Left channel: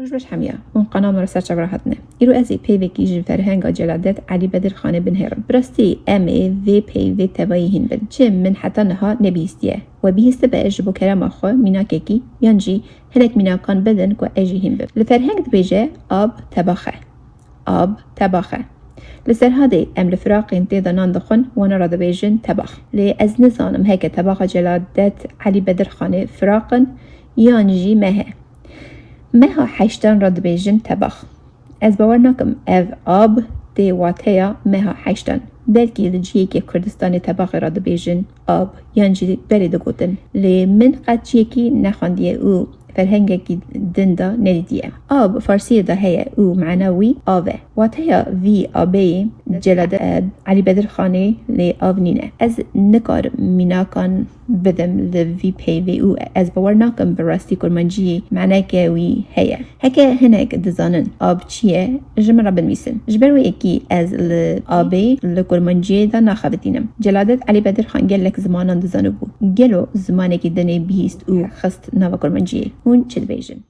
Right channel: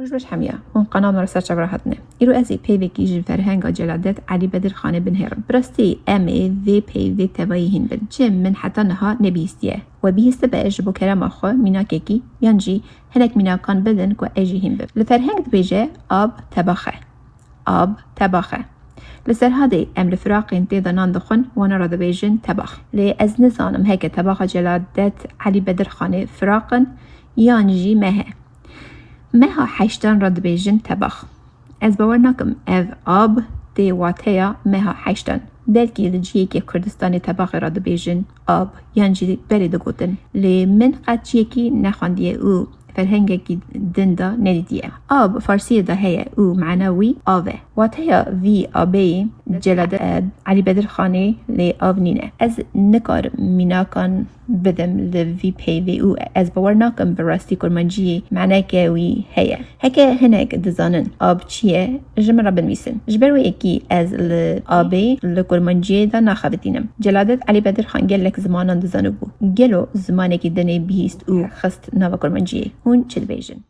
روش بش حمية اون قناة مرسل شبرا هاتنه إلو أزي بيوكي جن فرهنگا جلادت علي بدر خانه بن هرم براستی امي في بيوي تبايهن بن چه من حتى نها نبيستيه و بيست بأج بو كرام أخو منا كيكي ينجي هلك منا كان بدن كو أجيهن بن لفرهنگ بيجي آب تباخه لسر هذه ام لفراقين تيدا ناندخن وانا رادا بيجن تباخ لي از نزانم هيك تباخ جلادت علي بدر خانه فراقن يانجي مها حيشتن راد بيجن تباخ از باور ناكم اف آب دي واتيا مها حيشتن بلكي لجيه كي كردستان تباخ راد بيجن آب يانجي بلي دقوتن لي من قد چيكي نخوانديه او فرهنگكي دندا نديديه آب فارسية ده هي او معنوي آوه واتيا في آبي جلاد علي بدر خاني لي آب نينه از نكار ميناكان بدم لفي بي في او از باور ناكم براستی كرمانجي معناه كاوي هي هكا هناك دزانن آب چيه جمرا بنويسن جبروي اكي از لآبي لكرمانجي دا ناخبتينم جلادت علي بدر خان گلك زمانان دزانو بو گلو زمانه كي دني بيست او خست ناوا كرمانجي هون چل بيجن